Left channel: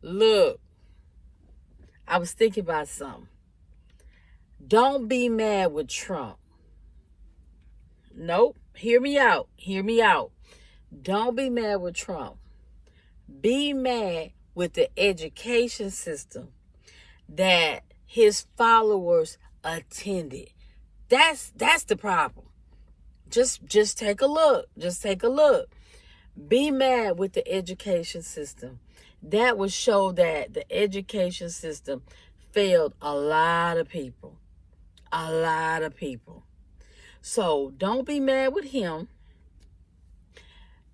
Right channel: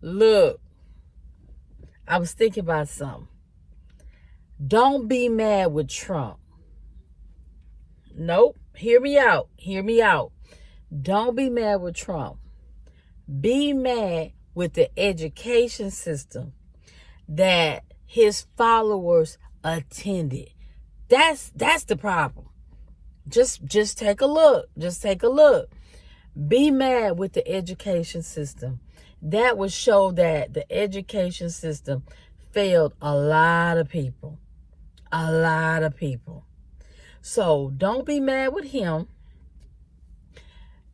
Look, I was thinking about something. Don't be mad with Trump. Nope. Hear me out. Hear me out. Don't be mad with Trump. Be mad with the education system that his followers attended. That's the problem. Just take a look. Just take a look. Be mad with the education system. That would show that the education system failed a lot of people. A lot of people. So don't be mad with him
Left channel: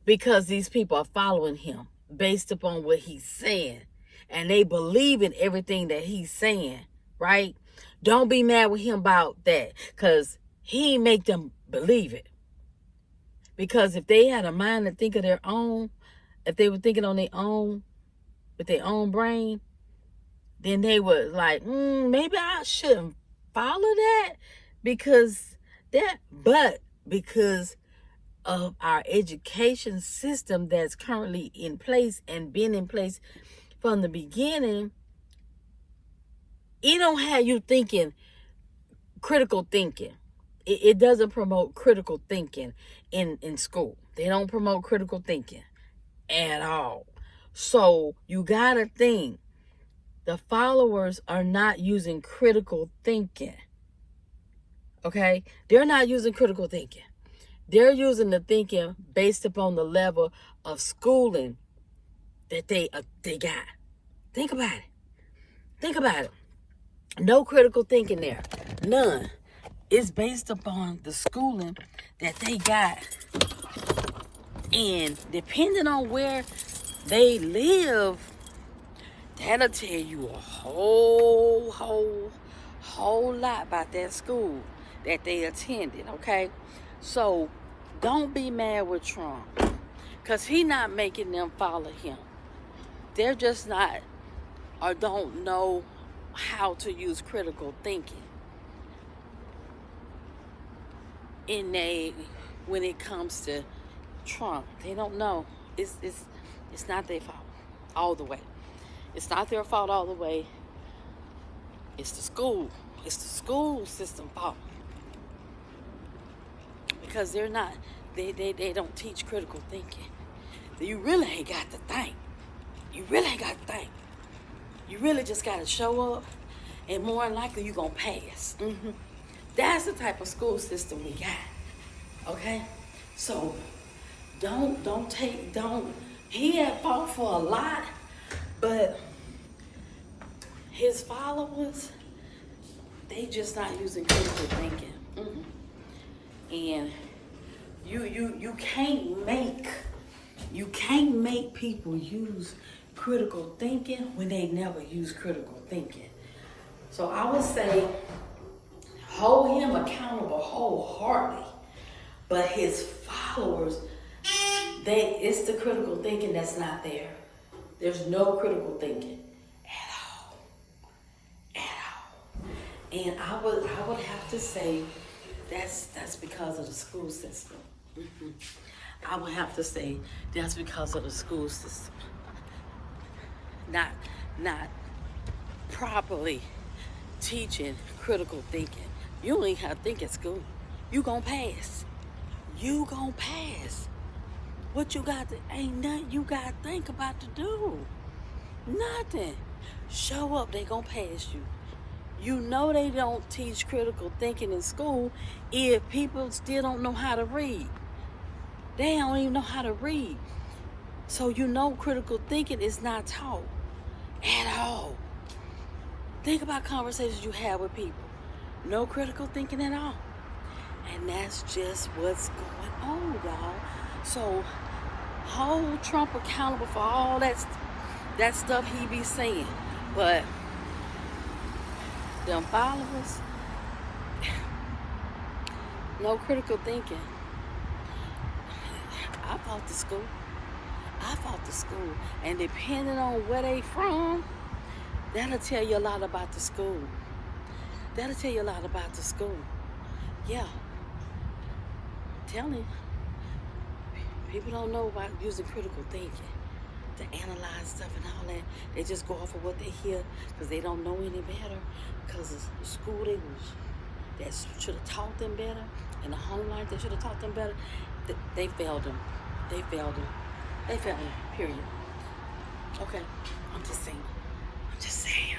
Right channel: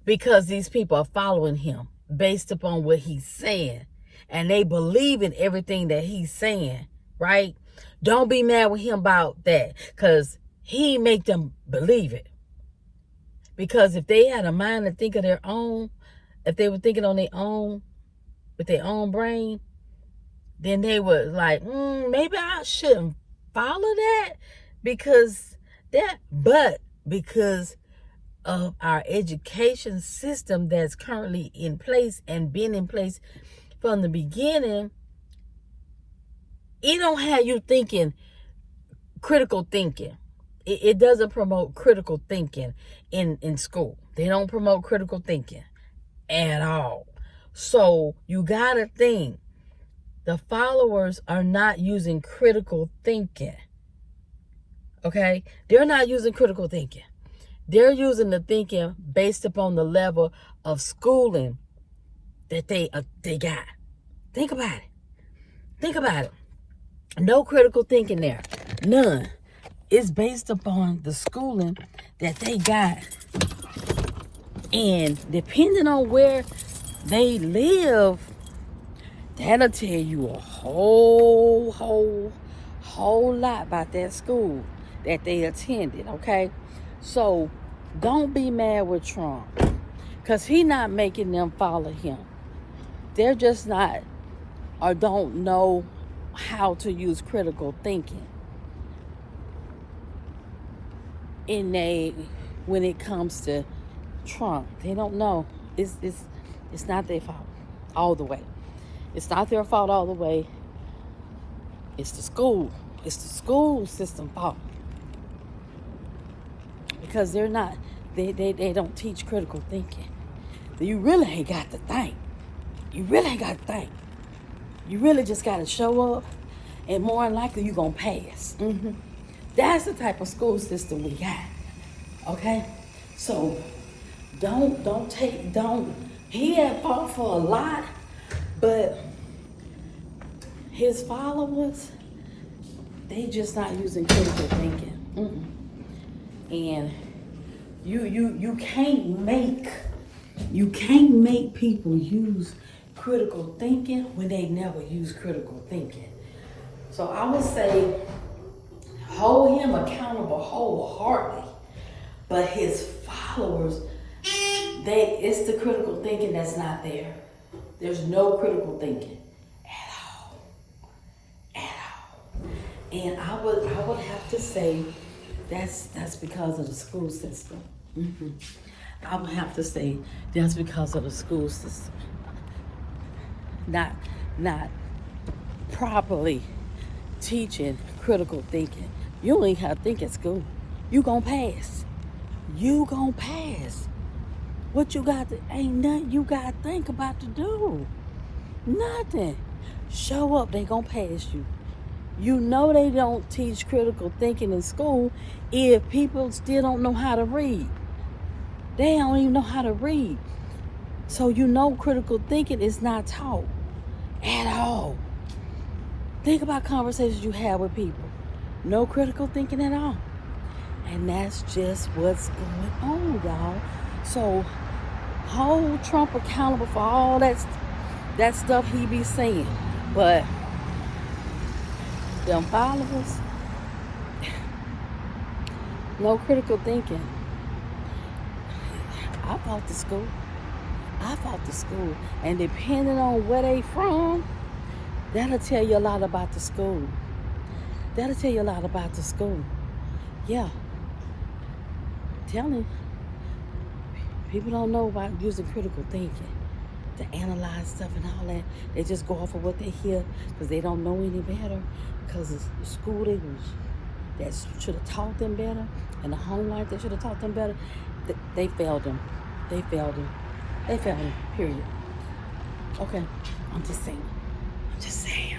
because these people are following him based upon what he's saying. And they believe in everything that he's saying, right? Don't be mad with him about that because he make them believe it. Because if they had a mind to think of their own, if they were thinking on their own, with their own brain, then they would like, maybe I shouldn't follow that because of our education system that's currently in place and been in place from the beginning, it don't have you thinking critical thinking. It doesn't promote critical thinking in school. They don't promote critical thinking at all. So you gotta think the followers are not using critical thinking. Okay? They're not using critical thinking. They're using the thinking based upon the level of schooling that they got. Think about it. Think about it. No critical thinking there. None. It's based upon the schooling that they got. And depending on where they live, that'll tell you a whole lot about that school that they attended, okay? So don't be mad with Trump because he's not making them follow him. They're just not or don't know how to use critical thinking when it comes to Trump. They don't know. It's not their fault all the way. It's not their fault all the way. It's the school. It's the school system fault. Because they don't teach critical thinking. So you really ain't got to think. You really ain't got to think. You really just got to show up and more than likely you're going to pass. That's the type of school system we got. Okay? So he had fought for a lot, but his followers, they just not using critical thinking. And you can't make people use critical thinking when they never use critical thinking. So I would say hold him accountable wholeheartedly, but his followers, it's the critical thinking that's not there. There's no critical thinking at all. And I would have to say that's because of the school system. I would have to say that's because of the school system. Not properly teaching critical thinking. You don't even have to think at school. You gonna pass. You gonna pass. What you got to, ain't nothing you got to think about to do. Nothing. Show up, they gonna pass you. You know they don't teach critical thinking in school if people still don't know how to read. They don't even know how to read. So you know critical thinking is not taught at all. Think about conversations you have with people. No critical thinking at all. And that's just what's going on, y'all. So hold Trump accountable for all that stuff he be saying. But them followers, no critical thinking. I fought the school. And depending on where they from, that'll tell you a lot about the school. Yeah. Tell him. People don't know about using critical thinking. to analyze stuff and all that. They just go off of what they hear because they don't know any better. Because the school that should have taught them better, and the home life that should have taught them better, they failed them. They failed them. They failed them, period. Okay, I'm just saying. I'm just saying.